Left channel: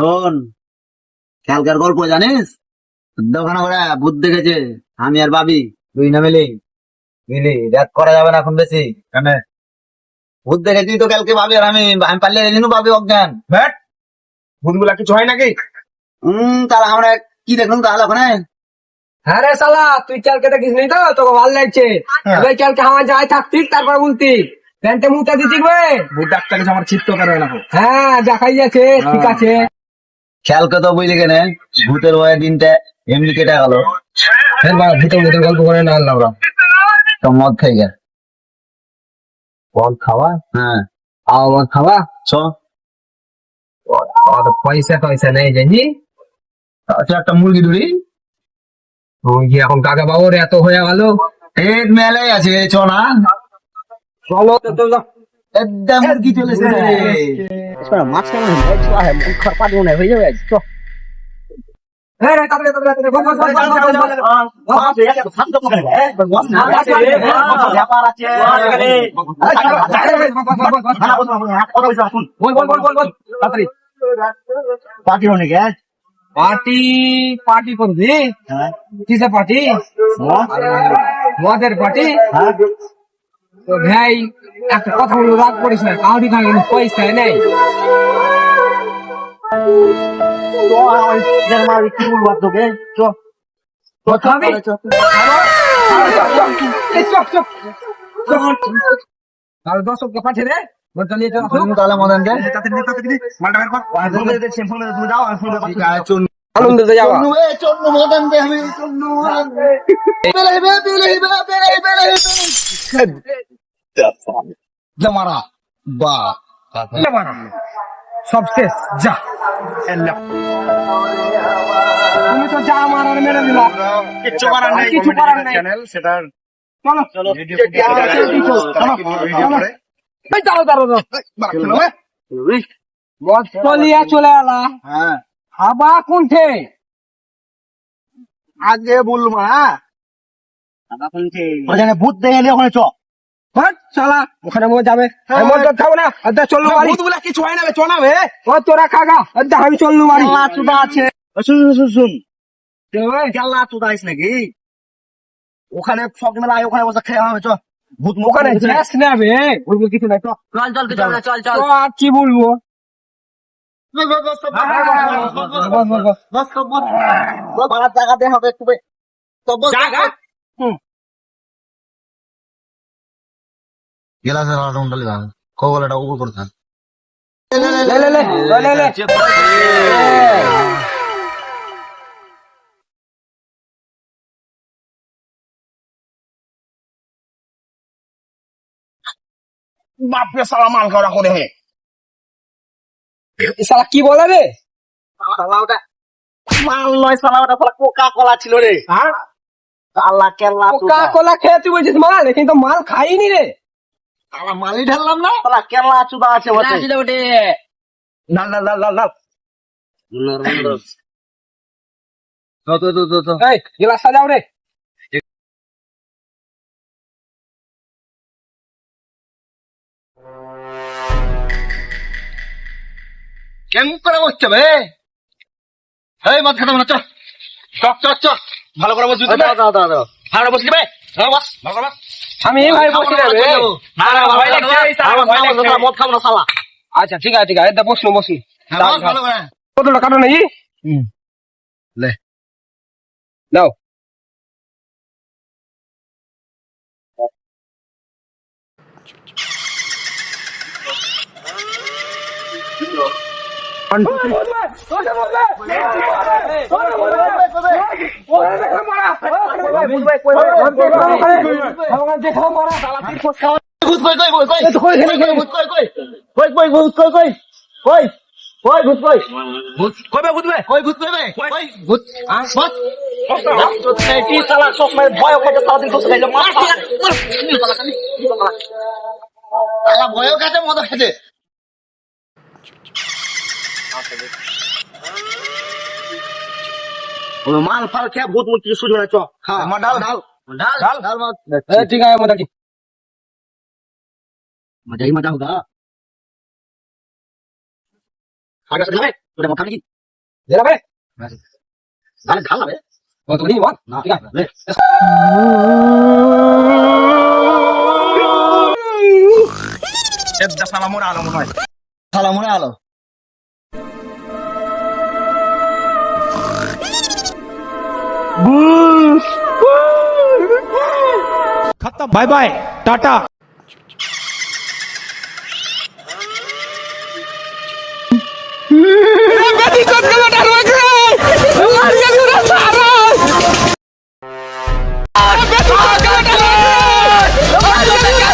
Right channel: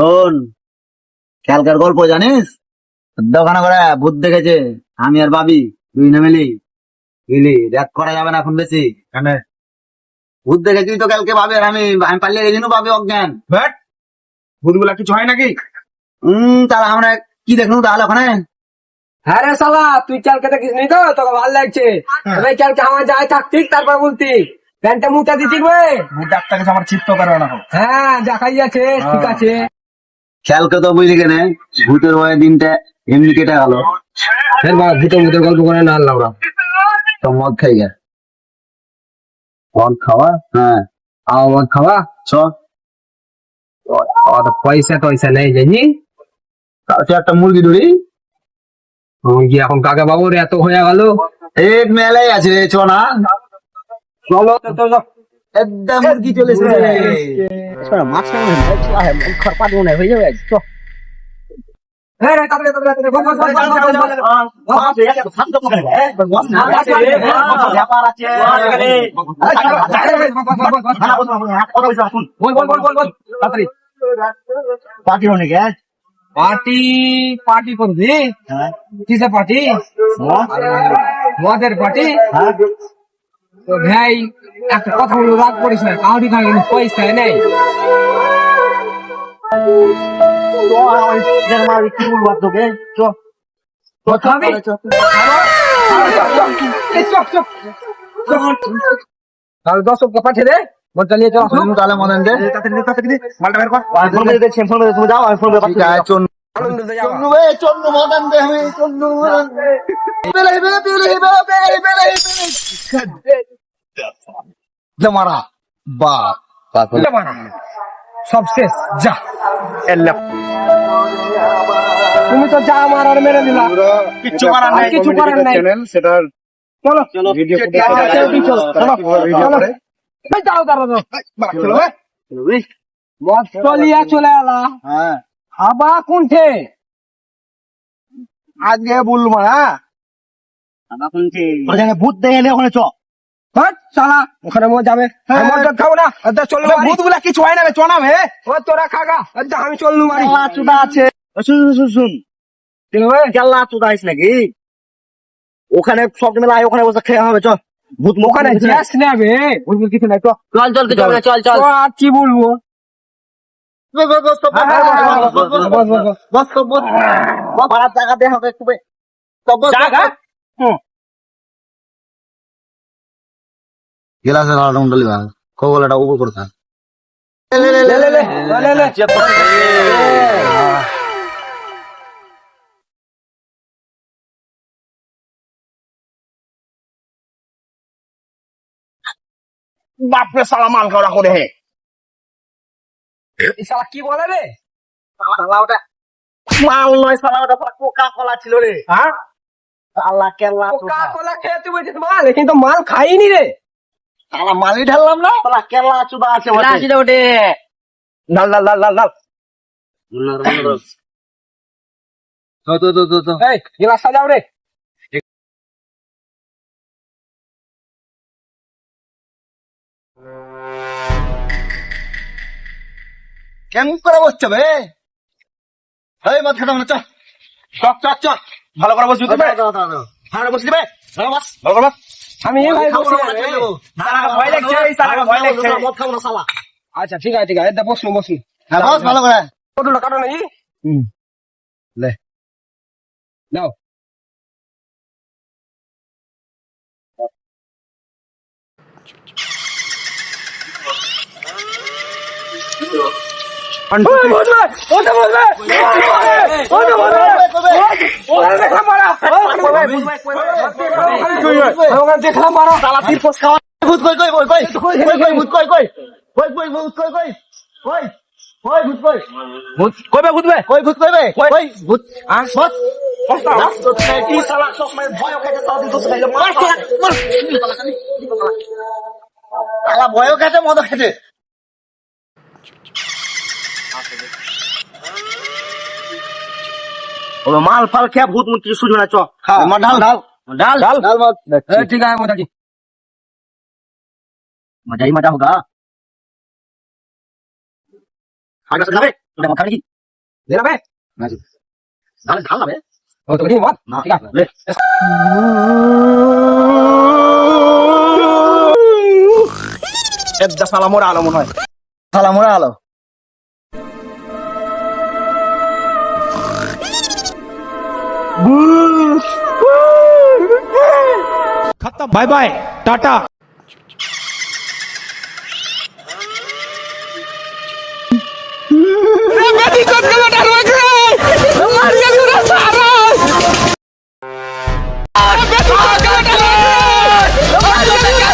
শোন, খেয়ালকার গল্প জানিস? দোকানে করে ভূত দেখেছে, আমি আর ভাবি দুই না মিলি বুঝলি, রাত করা যাবে না এখন বেশি। কেন? ভূত দেখেছি তো কালকে, ভাবি আর আমি আমি পালিয়ে গেছি, ভাবি অজ্ঞান। ব্যাট ভূতগুলা কিছু হয় নাকি? তাহলে আমরা কি দেখলাম তাহলে ওখানে? হ্যাঁ রে শালা, তুই কালকে দেখিস নি তো? তোকে ভালো লাগছে? এবার কালকে আমার যাই থাকতিস, তারপর বলতি প্যান্টে মুটা দিচ্ছি বে। ভূত ডাক্তার কাছে আমার চিত্ত করবে না। হ্যাঁ দেখাই যাচ্ছে, ঠিক আছে। খেয়ালকে তো বুঝলি কেন, ভূতের ভয়ে দিনটা এমনি কেটে গেল। ভূতের ভূতের গল্প করে না আল্লাহ। তো মদ খাই গে। মদ খাওয়া? হ্যাঁ, মদ খাওয়া? চ। অত পয়সা টয়সা নেই জানি। তাহলে একটা মুরগি ধরি। মুরগি এখন কাকে পাবো রে, এত হয়ে গেল। এই মেলাই আছে, চ না। চলো তো একদম মুরগি চলেছে। মাছটা মনে হয় মন খরপাত মনে হয়ে যাবে। চ হ্যাঁ রে, তাড়াতাড়ি তাড়াতাড়ি বল বল বল তাড়াতাড়ি। পার্টি হনে গে। পার্টি পার্টি করবি? কিসের পার্টি? মদের পার্টি? তো ভাই একটা কথা বলে রাগ করিস না, কাউরি খাগে পয়সা নেই। কি বলবো তোকে? চ। তাহলে দর্শককে পাঠিয়ে দে, মনটা নিয়ে চল। তাহলে মদন গে। মালটা বের কর। তুমি যাও, আমি ফোন করে আনন্দ দে যাওয়া। চন্নু মদন দে, আমি চন্নু মদন দে। মারা বা সব শেষ, যা। তুমি তো যা মারার মেরে দিলা, কিচ্ছু করার নাই। কিছু করার নাই। চ্যানেল সেটা চলো চলো ভিডিও দাঁড়াও দাঁড়াও। মদ চলিয়া চলে এলা, হ্যাঁ, হাবা কোনঠে? আজকে বললো মারা ওখানে ভূত দেখে ওখানে চ। চলা ওখানে মদ যাবে। আমি মদ টদ খাবো না, চললো বাড়ি। ভূতগুলা কিছু হয় না রে, চ না বে। ও তোরা খাগা, আমি চললু বাড়ি। চুদা আছে। শুন কেল্লা চুদা আছে নাকি? ওখানে সব মেলা ওখানে বসে খেয়ে হবে। চ ভূত ওখানে যাস না বে, বলবো কিছু নাই। চল চল চল চল, আর কি বলবো? জায়গাতে হবে একটু। গেলাসের আলাদা ভাগ খোলাটা উপর করতাম। বাপরে সালা মাল খাওয়া করে হে। শালা কি বলে রে? মাল নয় সালা, ওটা কোকা কোলা ছিল রে। হ্যাঁ কালা কেলা কোকা কোলা খেয়ে তুই বলছিস মাল, কিন্তু মাল খাইনি রে। সালা মালি ঢাললাম না, সালা কেলা চুদা আছে বটে। লাল লাল লাল লাল লাল। এই গিলাস সাজাও রে। কেমন করে বসছে বে? এই মদ খেতাম না, চল চক চক চক। ভালো করে বসবি তো? ভালো করে বসলি বে? বস ভালো করে বস। আমি এই ভাই বসে রে। মদ খাবো না সালা। আচ্ছা ঠিক আছে ঠিক আছে, বসলু বসলু। ভালো করে কতটা কাটো নাকি? লে নাও। দেখলাম মারা সালা তীর পোষ খাওয়া। ভূত কই কই কই কই ভূত কই কই কই কই ভূত কই কই কই কই ভূত কই ভূত কই বে ভূত বে কই ভূত কই বে কই ভূত বস তো কি সালা সব সময় ভয় করতে সালা দিন তো খাইলো মার সালা ভয়ও খেতে মদ খেতে। মাল ফাল খেয়ে ভূত মুখ কিছু সুঝবে না। চ ঢাল ঢাল ঢাল ঢাল ঢাল মত। ঠিক আছে মজা কি मजा ही मजा होगा। ওটা মত খাবি কি দে না বে তাহলে ঢাল না বে ও তো নিয়ে মত না ঠিক আছে রে Edda salamur alam mone hoy. সালাম ওরে আলো bye bye tata Beti kot kalau darwak re. Mar ga ura sara. Beti kot kalau darwak re. Mar ga